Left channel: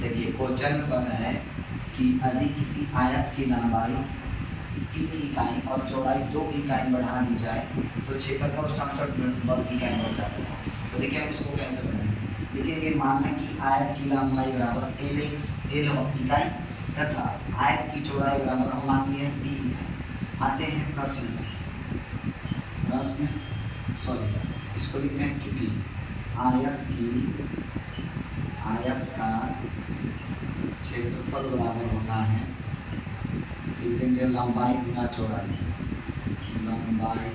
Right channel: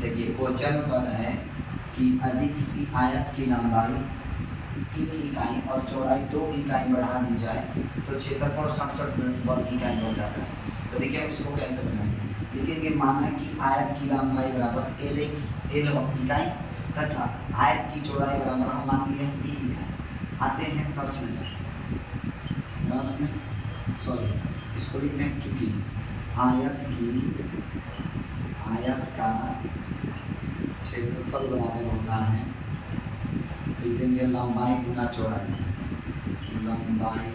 देखिए क्वेश्चन कह रहा है कि यदि किसी आयत की लंबाई 3 इकाई और चौड़ाई 2 इकाई बढ़ा दी जाए तो क्षेत्रफल 67 वर्ग इकाई बढ़ जाता है। तो देखिए हम इसको कह सकते हैं, लिखेंगे माना कि आयत की लंबाई बराबर एल इकाई तथा आयत की चौड़ाई बराबर हम मान लिए बी इकाई। आते हैं प्रश्न सॉरी इसको लिखते हैं, चूंकि आयत का क्षेत्रफल बराबर होता है, लिखेंगे लंबाई गुना चौड़ाई, लंबाई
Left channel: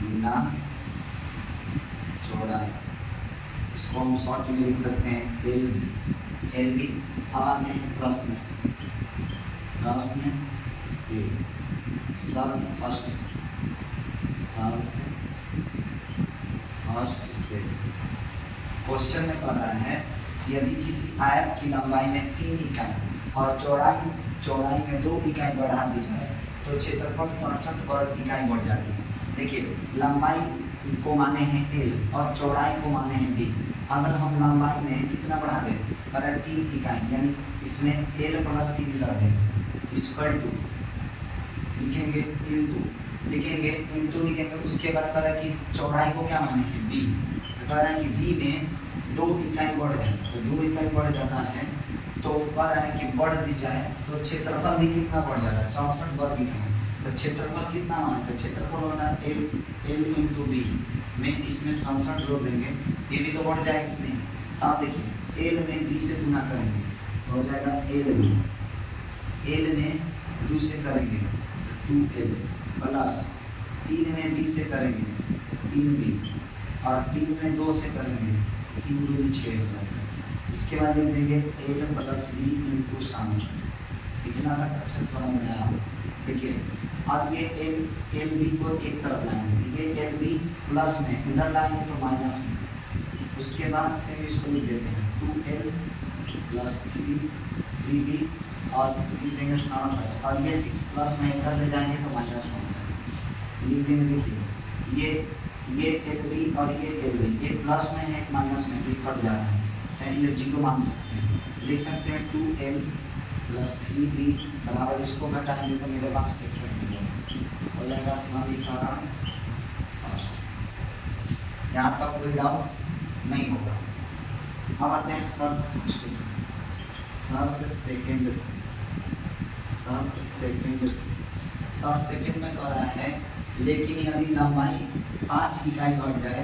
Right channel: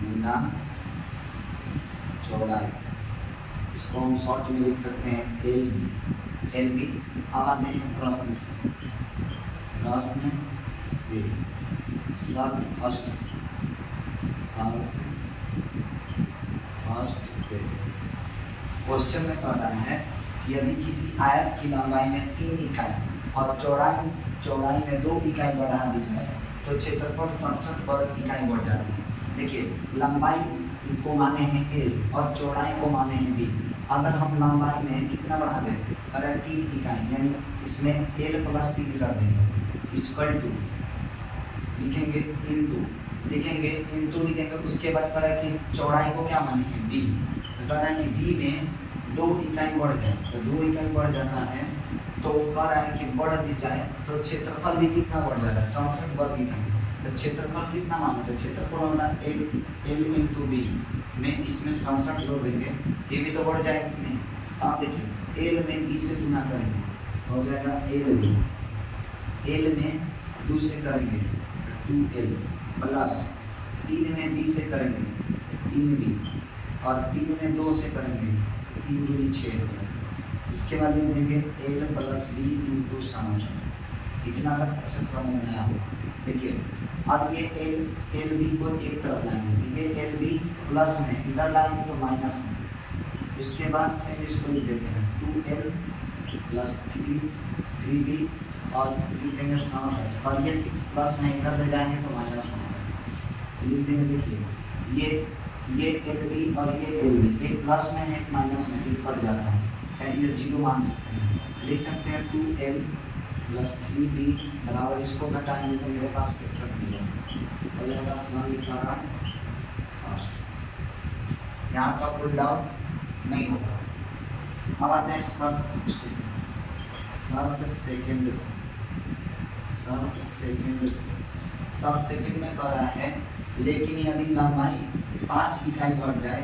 गुना चौड़ाई। इसको हम शॉर्ट में लिख सकते हैं एल बी। अब आते हैं प्रश्न से शब्द फर्स्ट से क्वेश्चन में कह रहा है कि यदि किसी आयत की लंबाई में 3 इकाई और चौड़ाई में 2 इकाई बढ़ा दी जाए तो क्षेत्रफल 67 वर्ग इकाई बढ़ जाती है। देखिए लंबाई को माने हैं एल और चौड़ाई को माने हैं बी। अगर हम लंबाई में कितना बढ़ा दें, अगर 3 इकाई यानी इसमें एल प्लस 3 कर देंगे इक्वल टू लिखेंगे इंटू लिखेंगे। उसके बाद कह रहा है कि चौड़ाई को क्या माने हैं बी, तो कह रहा है कि बी में 2 इकाई बढ़ जाए तो 2 इकाई बढ़ जाता है, तो कह रहा है कि बढ़ दी जाए तो क्षेत्रफल भी कितना बढ़ जाता है 67 वर्ग इकाई। तो क्षेत्रफल कितना माने थे, क्षेत्रफल होता है एल इंटू बी में इसमें 67 जोड़ देंगे, ये भी तो बढ़ जाएगा कि नहीं। तो आप देखिए एल में बी से गुना करेंगे तो हो जाएगा एल में 2 से करेंगे 2l प्लस 3 में बी से करेंगे 3b और 3 में 2 से करेंगे 3 दूनी 6 हो जाएगा। इसके बाद लिख देंगे एल प्लस बी इंटू 67। इतना तक अच्छे से समझ में आया। देखिए अब ये एल बी को एक तरफ लाएंगे, तो ये एल बी प्लस में इधर लाएंगे तो माइनस में। उसके बाद से इसको लिख देते हैं 2l प्लस 3b और लिख देंगे 67 और ये 6 प्लस में इधर ले जाएंगे तो माइनस में आएगा। लिख देंगे देखिए ये एल बी और ये एल बी, एक प्लस में है एक माइनस में, तो कट जाता है, चाहे ये 0 मान सकते हैं। लिख सकते हैं 2l प्लस 3b बराबर, इसको घटाएंगे तो मेरे पास 61 मिलेगा, हो जाएगा समीकरण। यहाँ तक कोई डाउट नहीं होगा। अब आते हैं शर्त सेकंड में कह रहा है लेकिन यदि लंबाई 5 इकाई बढ़ जाए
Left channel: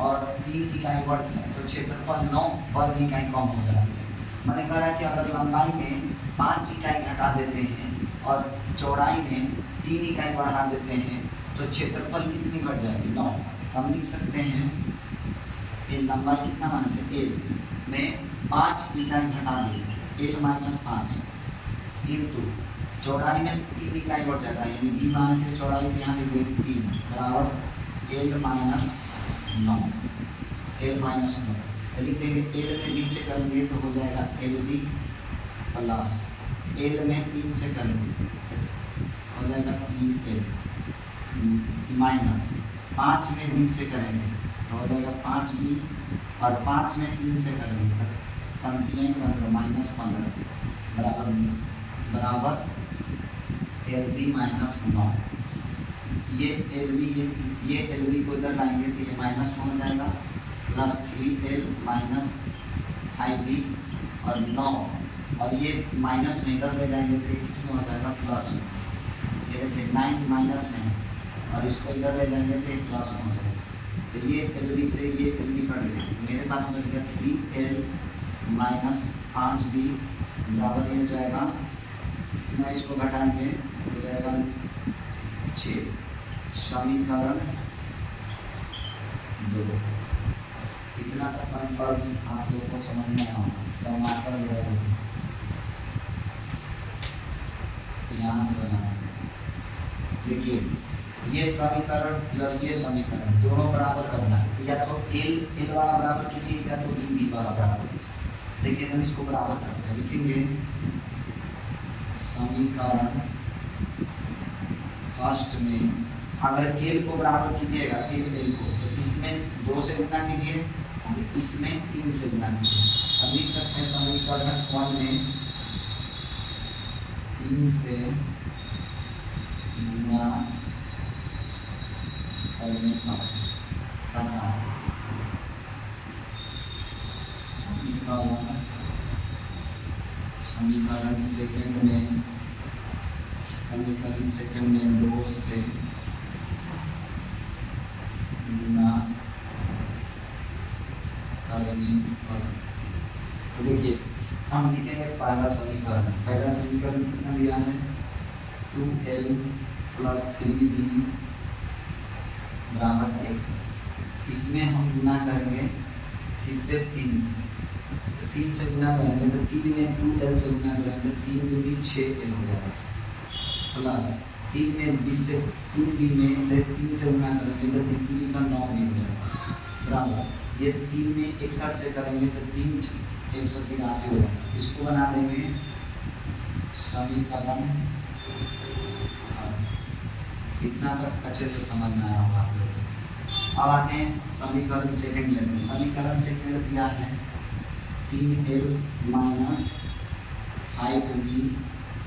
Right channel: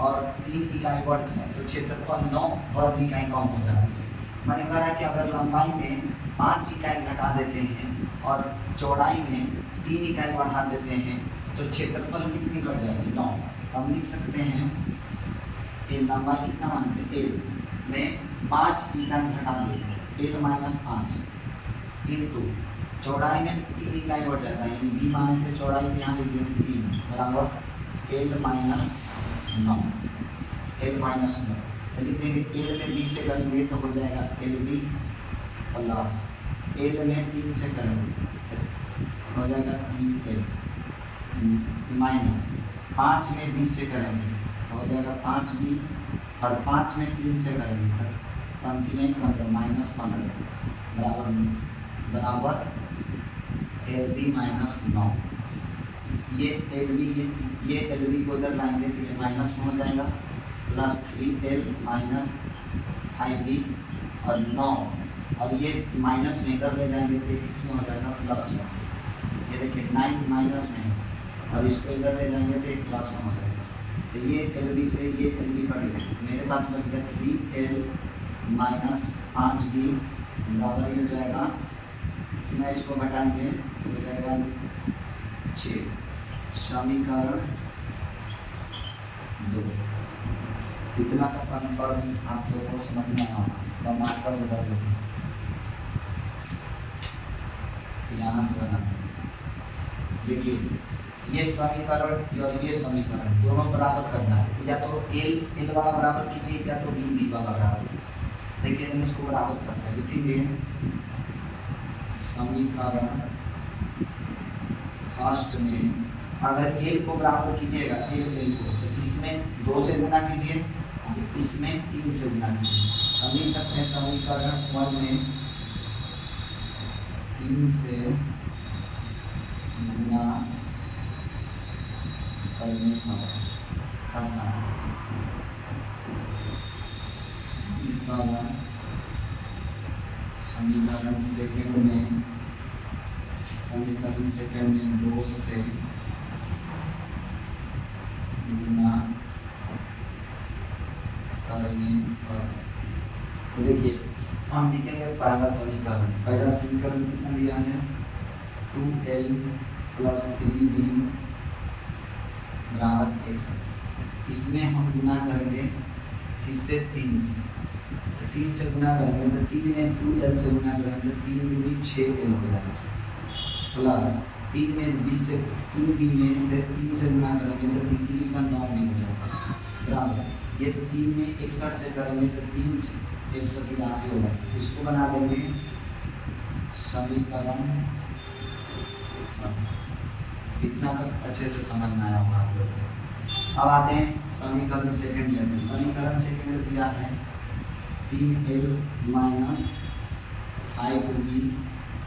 और 3 इकाई बढ़ जाए तो क्षेत्रफल 9 वर्ग इकाई कम हो जाती है। मैंने कह रहा है कि अगर लंबाई में 5 इकाई घटा देते हैं और चौड़ाई में 3 इकाई बढ़ा देते हैं तो क्षेत्रफल कितनी बढ़ जाएगी 9। हम लिख सकते हैं ये लंबाई कितना माने थे एल में 5 इकाई घटा देते एल माइनस 5 इंटू चौड़ाई में 3 इकाई बढ़ जाता है, यानी बी माने थे चौड़ाई के यहाँ लिख देंगे 3 बराबर एल माइनस 9 लिख देंगे। एल में बी से करेंगे तो हो जाएगा एल बी प्लस एल में 3 से करेंगे हो जाएगा 3l माइनस 5 में बी से करेंगे तो हो जाएगा 5b और 5 में 3 से करेंगे तो 15 माइनस 15 बराबर एल बी माइनस 9। ये एल बी को इधर लाएंगे तो ये माइनस में हो जाएगा प्लस 3l माइनस 5b और 9 और ये माइनस में इधर ले जाएंगे तो किसमें हो जाएगा प्लस में। ये देखिए 9 माइनस में है और इसको इधर ले जाएंगे तो प्लस में हो जाएगा। तो ये एल बी से ये एल बी कट गया, मेरे पास बच गया 3l माइनस 5b बराबर ये हो जाएगा, मैं इसको घटाएंगे हो जाएगा 6। समीकरण 2। इतना तक कन्फर्म आप लोगों को समझ में आना होगा। मार्कर लगा देते यहाँ से बनाते। देखिए ये समीकरण और ये समीकरण दोनों बराबर करना है, या तो एल वाला बराबर कीजिए या तो बी वाला बराबर कीजिए। देखिए हम इसको बराबर करते हैं, लिखेंगे समीकरण फर्स्ट में अगर एल को बराबर कीजिएगा एल को तो इसमें 2 से गुना कीजिए अब इसमें 3 से गुना कीजिए। अब लिख सकते हैं समीकरण 1 में 3 से गुना करने का पता समीकरण सेकंड में 2 से गुना करने पर। तो देखिए हम लिखेंगे पहला समीकरण कितना दिया है 2l + 3b = x। इसमें हम गुना करेंगे किससे 3 से, 3 से गुना करेंगे तो 3 में 2l से गुना करेंगे 3 दूनी 6l हो जाएगा, प्लस 3 में b से 3b में से 3 से गुना करेंगे तो 3 का 9 हो जाएगा, बराबर ये 3 में 61 से करेंगे तो 3 183 हो जाएगा। इसको बना देंगे समीकरण। इतना तक अच्छे से समझ में आया होगा आप लोगों को। अब आते हैं समीकरण सेकंड लेते हैं। समीकरण सेकंड दिया है 3l - 5b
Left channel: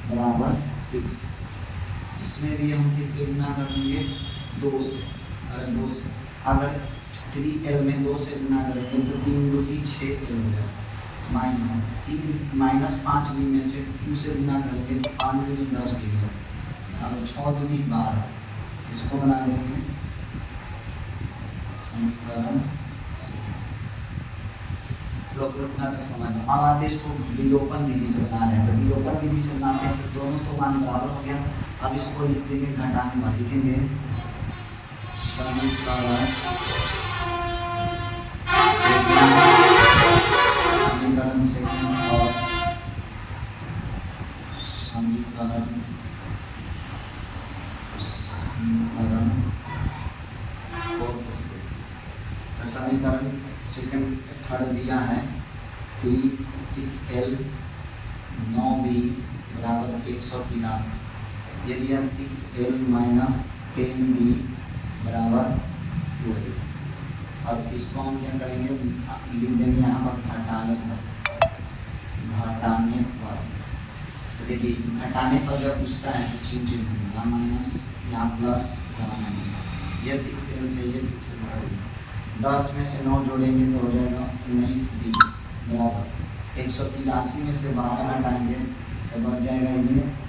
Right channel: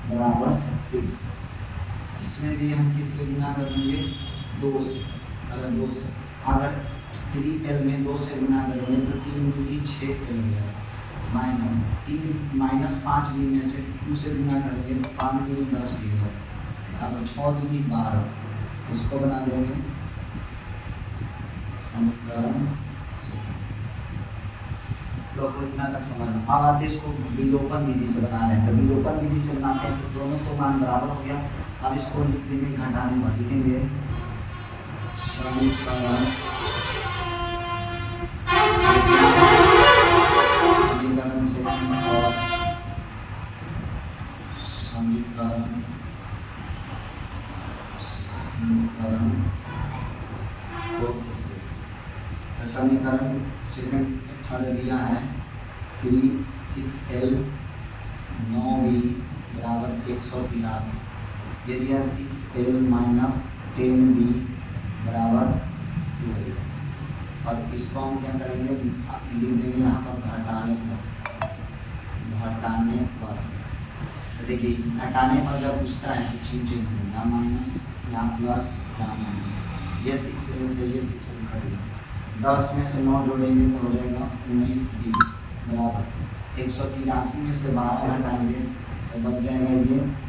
= 6। इसमें भी हम किससे गुना करेंगे 2 से। अगर 3l में 2 से गुना करेंगे तो 3 दूनी 6l हो जाएगा, माइनस 5b में से 2 से गुना करेंगे तो 5 दूनी 10 भी होगा, अगर 6 दूनी 12। इसको बना देंगे समीकरण सेकंड। लोग को इतना तक समझ में। अब आते इसको विलोपन विधि से बना रहे हैं, तो विलोपन विधि से बनाते हैं तो दोनों तो मान बराबर हो गया। अब इसको लिख देंगे घटाने में, लिखेंगे समीकरण सेकंड और समीकरण से। तो समीकरण सेकंड थर्ड दिया है 6l 9b = 183। ये दिया 6l - 10b = 12। और इसको हम क्या करेंगे लिख देंगे यहाँ पर घटाने पर। तो देखिए घटाने पर जब पूछता है तो चिन्ह यहाँ माइनस यहाँ प्लस यहाँ माइनस, ये 6l से ये 6l कट गया। 10 में से 9 जोड़ेंगे तो हो जाएगा 19b = 183 में से 12 घटाएंगे तो बच जाएगा ये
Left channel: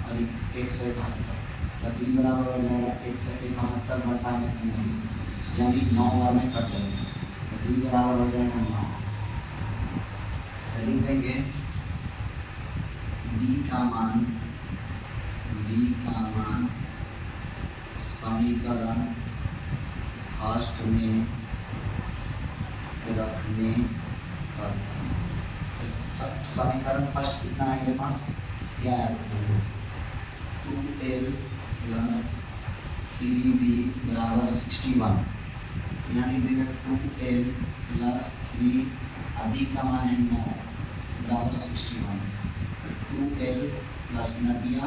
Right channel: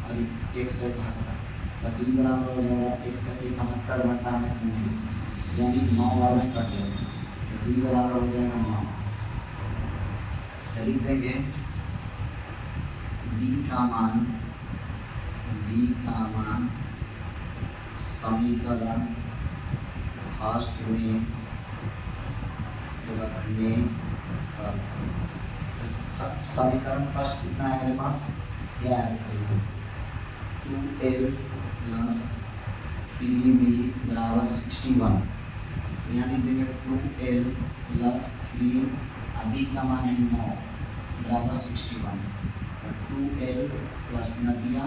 और 1 से 78, तो b बराबर हो जाएगा 1 से 71 घटा में 19, यानी 9 बार में कट जाएगा, तो b बराबर हो जाएगा 9। सही देंगे b का मान समीकरण फर्स्ट में रखने पर। समीकरण फर्स्ट कितना है मेरे पास, क्या है 2l + 3b = 61। यानी देंगे 2l + 3, अभी का मान है 9 = 61। 2l + 9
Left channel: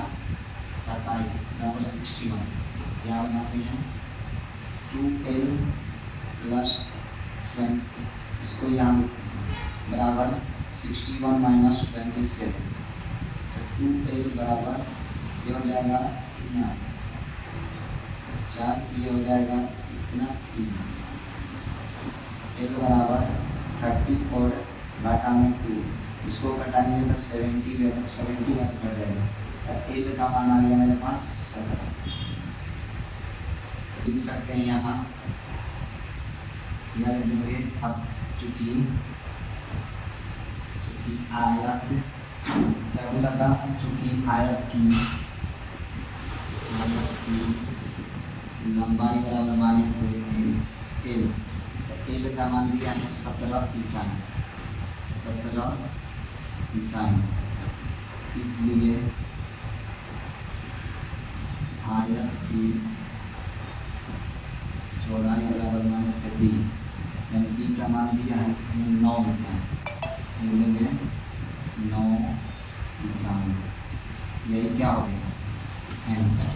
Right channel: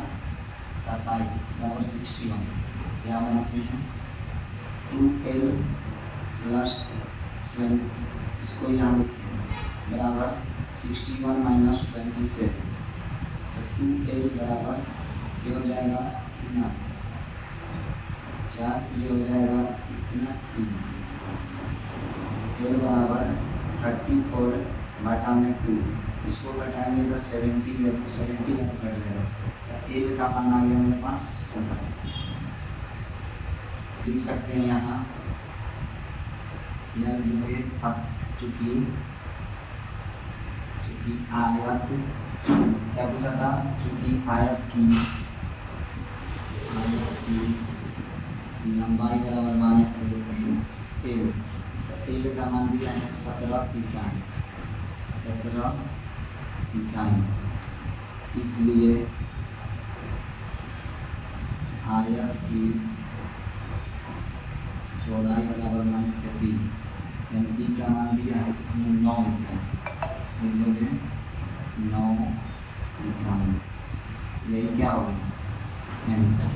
27 = 61। क्या बनाते हैं 2l + 20, इसको यहाँ लिखते हैं बराबर 61 - 27। तो 2l बराबर ये हो जाएगा इतना 4, ये हो जाएगा इतना 3। l बराबर 34 बटा में 2, इसको घटाएंगे तो 71 कट जाएगा। तो l का मान आ गया मेरे पास 17। लिख सकते हैं यहाँ लिख देंगे। अब चूंकि आयत क्या पूछा था, चूंकि आयत की लंबाई बराबर माने थे l का मान दिया है 17 इकाई। इसलिए आयत की चौड़ाई बराबर माने थे b, यानी b का मान दिया है 9 इकाई, लिखेंगे 9 इकाई। यही क्या हो गया आंसर।